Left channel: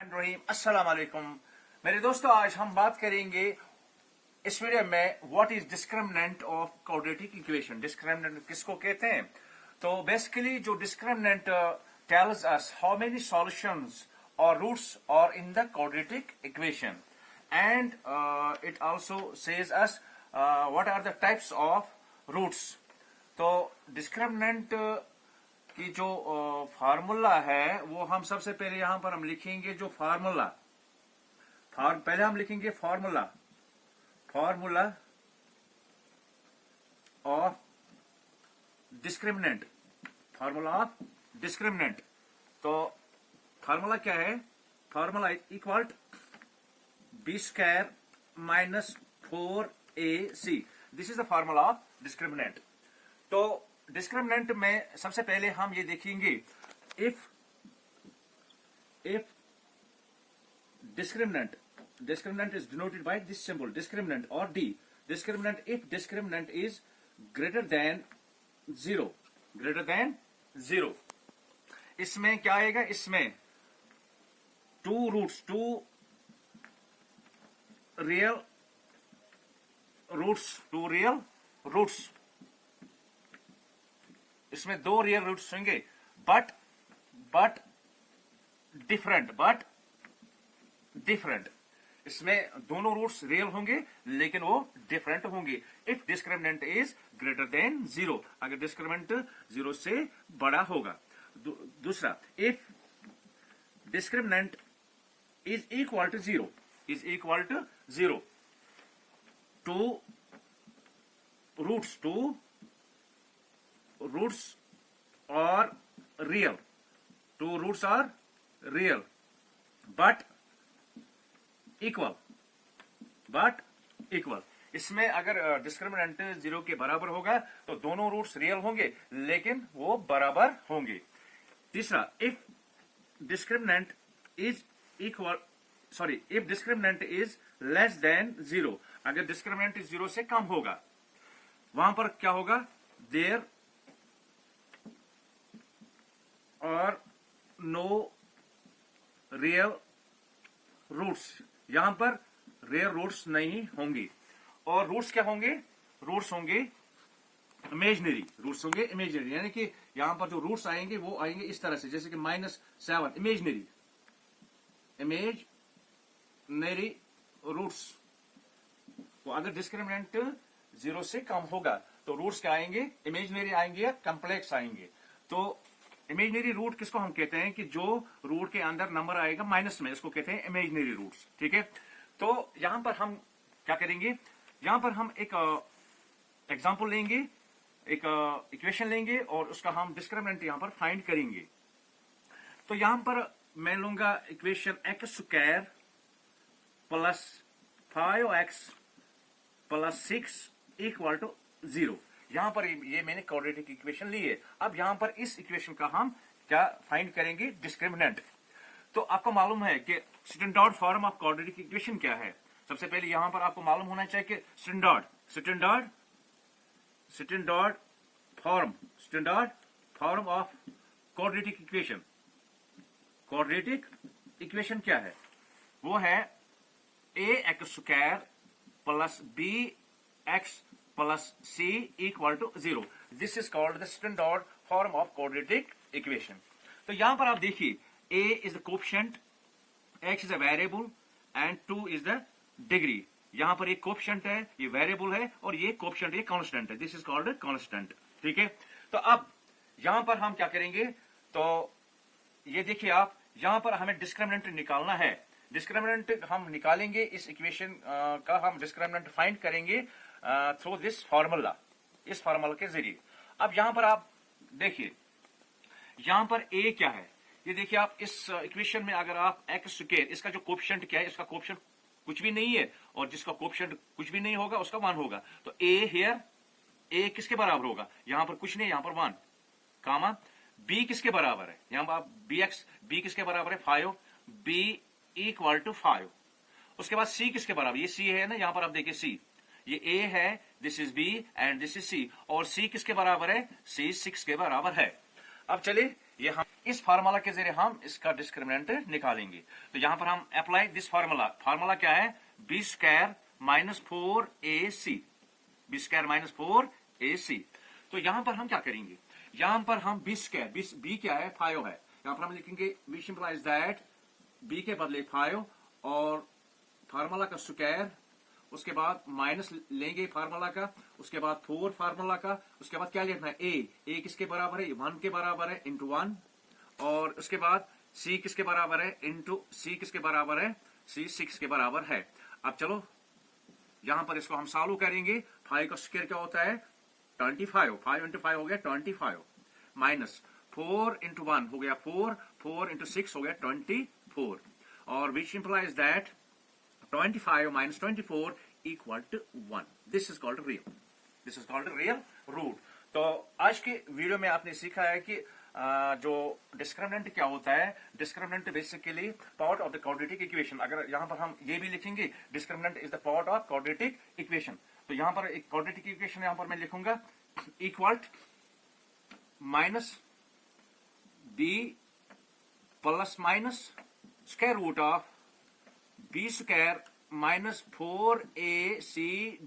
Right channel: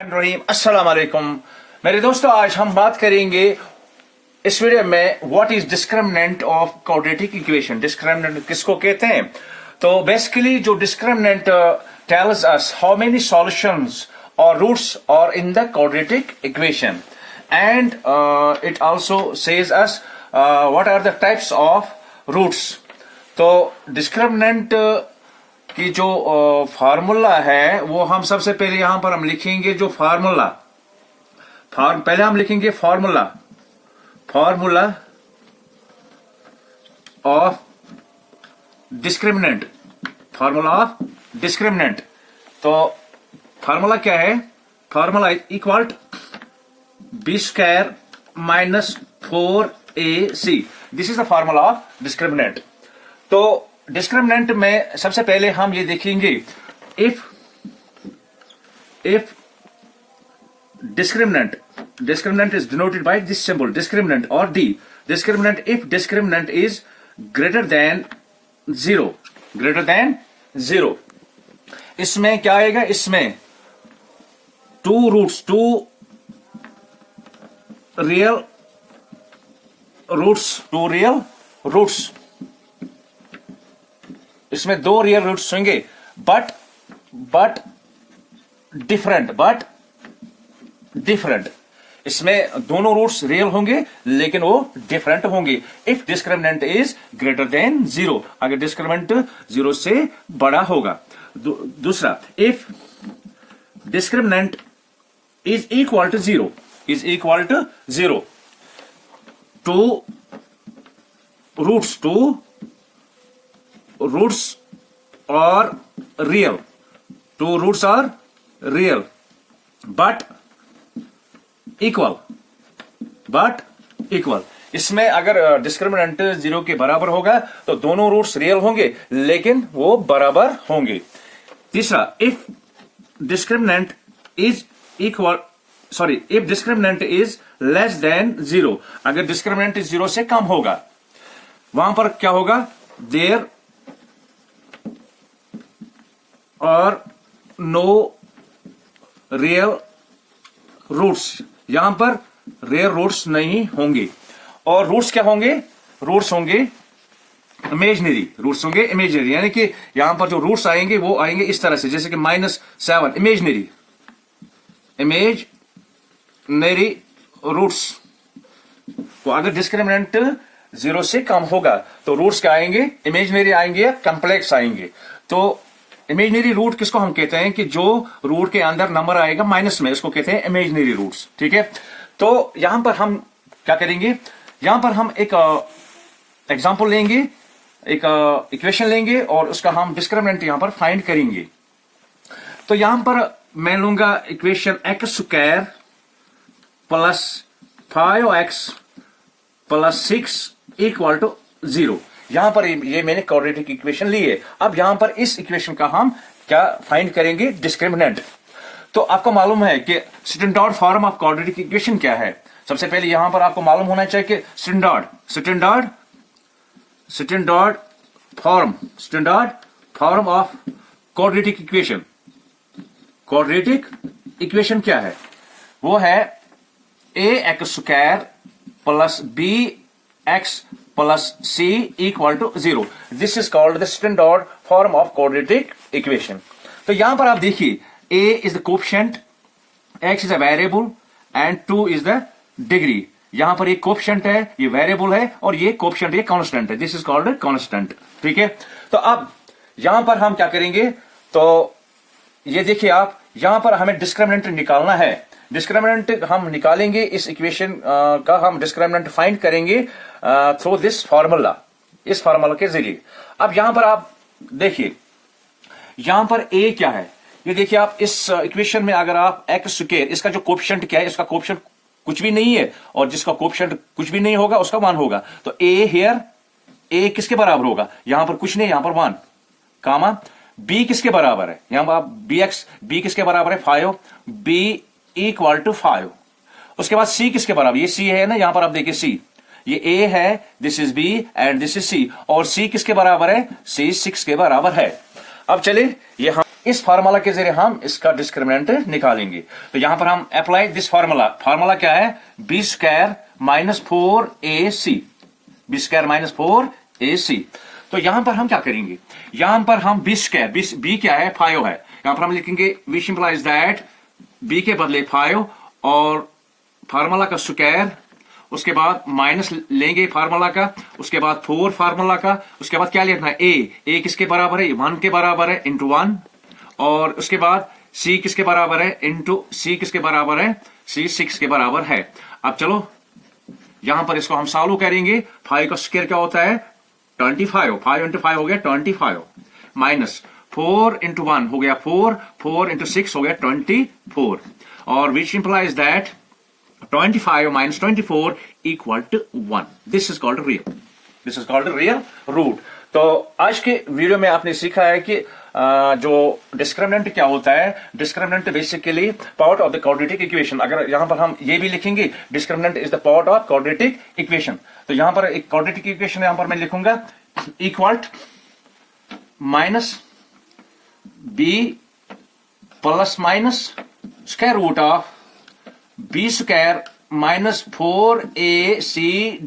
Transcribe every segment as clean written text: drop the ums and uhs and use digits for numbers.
रहीम अस्सलाम वालेकुम मेरे दोस्तों, आज हम बात करेंगे इस वीडियो में what is discriminant of quadratic equation. Discriminant किसको कहते हैं? तो बेसिकली जो discriminant tells us how many solutions और roots are in the quadratic equation and it also says us what are the types of roots. तो discriminant की जो formula है वो हम सबसे पहले यहां पर हम लिखेंगे जो फार्मूला पहले हम लिखेंगे फार्मूला ऑफ डिस्क्रिमिनेंट। तो फार्मूला क्या है? Formula is equal B square minus 4ac। This is the formula of discriminant. तो डिस्क्रिमिनेंट में सबसे पहले हम ये देखेंगे if discriminant is denoted by this symbol discriminant or d discriminant if discriminant is greater than 0 इसमें क्या आएगा? इसमें two real roots इसमें दो रियल रूट्स होंगे बट डिफरेंट। इसमें दोनों रूट्स रियल होंगे लेकिन वो डिफरेंट होंगे if discriminant is greater than 0, अगर डिस्क्रिमिनेंट 0 से बड़ा होगा। दूसरा, if discriminant is equal to 0 two roots are real but equal। इसमें अगर डिस्क्रिमिनेंट 0 के बराबर होगा तो दोनों रूट्स रियल होंगे लेकिन वो बराबर होंगे। तीसरा, if discriminant is less then 0, अगर डिस्क्रिमिनेंट 0 से कम होगा वहां पर क्या होगा? देयर और नो रियल रूट्स, यहां पर रियल रूट्स नहीं होंगे। और रूट्स क्या होंगे? रूट्स होंगे इमेजिनरी, यानी कि यहां पर जो रूट्स आएंगे वो आएंगे इस तरह से, जैसे कि -7 इमेजिनरी रूट्स। तो अगर डिस्क्रिमिनेंट 0 से कम होगा तो रूट्स क्या आएंगे? इमेजिनरी आएंगे या कॉम्प्लेक्स आएंगे। तो इमेजिनरी रूट किसको हम कहते हैं कि जो रूट के अंदर नंबर आएगा माइनस में, इसको कहते हैं इमेजिनरी रूट्स। ठीक है, तो यहां पर हम क्या करेंगे? यहां पर हम एक एग्जांपल लेंगे, एक इक्वेशन लेंगे और उसका हम डिस्क्रिमिनेंट यहां पर फाइंड करेंगे। तो यहां पर मैं लूंगा equation x² plus 5x plus 6 equal to 0। यहां पर ये मैंने क्वाड्रेटिक इक्वेशन ली है। अब यहां पर इस इक्वेशन का हम क्या फाइंड करेंगे? डिस्क्रिमिनेंट। तो आपको मालूम है कि standard form of quadratic equation क्या है? सबसे पहले यहां पर आपको मालूम होना चाहिए कि standard form of quadratic equation क्या है? वो है ax² plus bx plus c equal to 0। This is called the standard form of quadratic equation। तो यहां पर आप देखिए, a is the coefficient, x is a variable and 2 is the degree। यहां पर ये कोएफिशिएंट है, ये वेरिएबल है और ये कोएफिशिएंट, ये कांस्टेंट है। This is called constant. ठीक है, तो अब यहां पर हम क्या करेंगे? तो ये देखिए आप, यहां पर हमें डिस्क्रिमिनेंट निकालना है। डिस्क्रिमिनेंट हम निकालेंगे, इस इक्वेशन का हम डिस्क्रिमिनेंट फाइंड करेंगे थ्रू दिस फार्मूला, इस फार्मूला के जरिए। अब यहां पर आप देखिए, यहां पर a क्या है? ये देखिए आप इस इक्वेशन में अगर आप x², इसका जो कोएफिशिएंट क्या है? इसका कोएफिशिएंट कुछ भी नहीं है और जिसका कोएफिशिएंट कुछ भी नहीं होगा उसका 1 होगा। तो a किसके बराबर होगा? यहां पर कुछ नहीं, यहां पर 1 कामा। b किसके बराबर है? यहां पर b किसके बराबर है? 5। b equal to 5। उसके बाद c किसके बराबर? ये c है ना, यहां पर आप देखिए c, ये a है, this is b and this is c। और c किसके बराबर है? c 6 के बराबर है। अब चलिए ये हम इस फार्मूला के जरिए हम इसका डिस्क्रिमिनेंट निकालेंगे। तो यहां पर हम अप्लाई दिस फार्मूला। फार्मूला क्या है? B square minus 4ac, B square minus 4ac। तो यहां पर हम क्या करेंगे? यहां पर हम बी स्क्वायर, बी क्या है? 5 है। यहां पर हम लिखेंगे विच इंप्लाइज दैट बी के बदले 5 और फार्मूला का स्क्वायर, उसके बाद माइनस लेंगे फार्मूला का, उसके बाद 4 फार्मूला का, उसके बाद क्या लिखना है? ए किसके बराबर है? 1 के बराबर है, इंटू 1। और उसके बाद सी किसके बराबर है? इंटू सी किसके बराबर है? सी 6 के बराबर है। अब चलो यहां पर इसको हम सॉल्व करेंगे। 5 का स्क्वायर क्या होता है? 25। 5 इंटू 5 हो गया 25, माइनस 4 इंटू 1 हो गया 4 इंटू 6 हो गया 24, और which implies that 25 minus 24 equal to 1. This is called real. This is called real root. तो आज के वीडियो में आपने सीखा है कि जो डिस्क्रिमिनेंट क्या होता है। Discriminant basically part of the quadratic equation. अगर यहां पर हम ये भी लिखेंगे discriminant is the part of quadratic equation, तो यहां पर एक क्वाड्रेटिक इक्वेशन यहां पर मैं लिखूंगा equal minus B plus minus square root of b square minus 4ac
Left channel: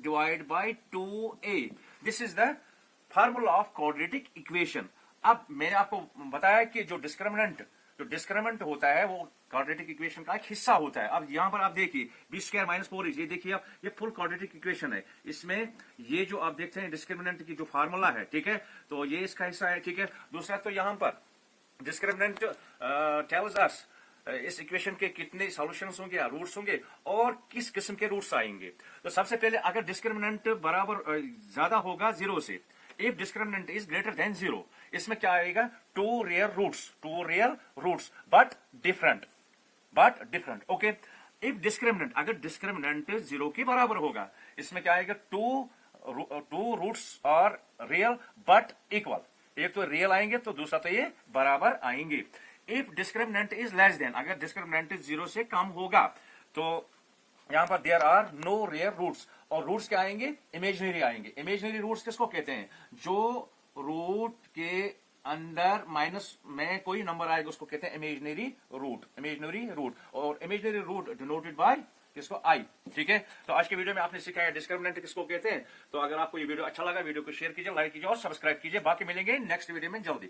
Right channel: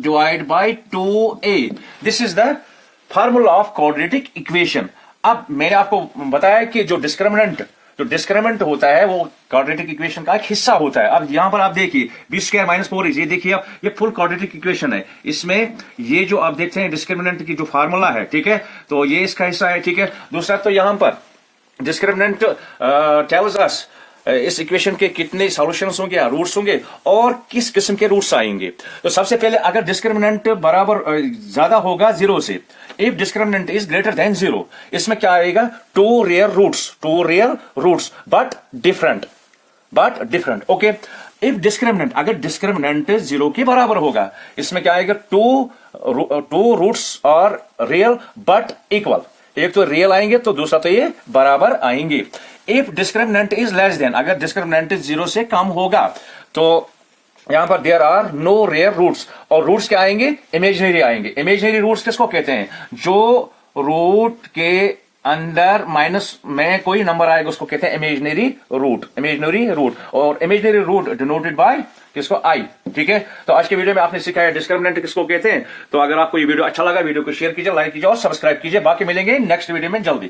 divided by 2a. This is the formula of quadratic equation. अब मैंने आपको बताया कि जो डिस्क्रिमिनेंट होता है वो क्वाड्रेटिक इक्वेशन का एक हिस्सा होता है। अब यहां पर आप देखिए बी स्क्वायर माइनस 4ac, ये देखिए अब ये फुल क्वाड्रेटिक इक्वेशन है। इसमें ये जो आप देखते हैं डिस्क्रिमिनेंट की जो फार्मूला है, ठीक है, तो ये इसका हिस्सा है, ठीक है। दूसरा तो यहां पर डिस्क्रिमिनेंट टेल्स अस इस इक्वेशन के कितने सॉल्यूशंस होंगे या रूट्स होंगे और किस किस्म के रूट्स आएंगे। तो सबसे पहले अगर डिस्क्रिमिनेंट बराबर ज्यादा होगा 0 से, if discriminant is greater than 0, इसमें क्या आएगा? Two real roots but different. Okay, if discriminant, अगर डिस्क्रिमिनेंट 0 के बराबर होगा, इसमें क्या आएगा? Two roots are real but equal. एक तो रियल आएंगे तो दूसरा तो ये बराबर आएंगे। If discriminant is less than, अगर डिस्क्रिमिनेंट 0 से कम होगा तो यहां पर there are no real roots, और रूट्स क्या आएंगे? इमेजिनरी आएंगे। इमेजिनरी रूट्स किसको कहते हैं? जो रूट के अंदर माइनस में कोई नंबर आएगा उसको कहते हैं इमेजिनरी रूट। और इमेजिनरी रूट डिनोटेड बाय किसको? आई, ठीक है। तो आज के वीडियो में आपने सीखा है डिस्क्रिमिनेंट किसको कहते हैं। तो अगर आपको ये वीडियो अच्छा लगा, वीडियो को शेयर कीजिए, लाइक कीजिए और सब्सक्राइब कीजिए। बाकी मिलेंगे नेक्स्ट वीडियो में जल्दी।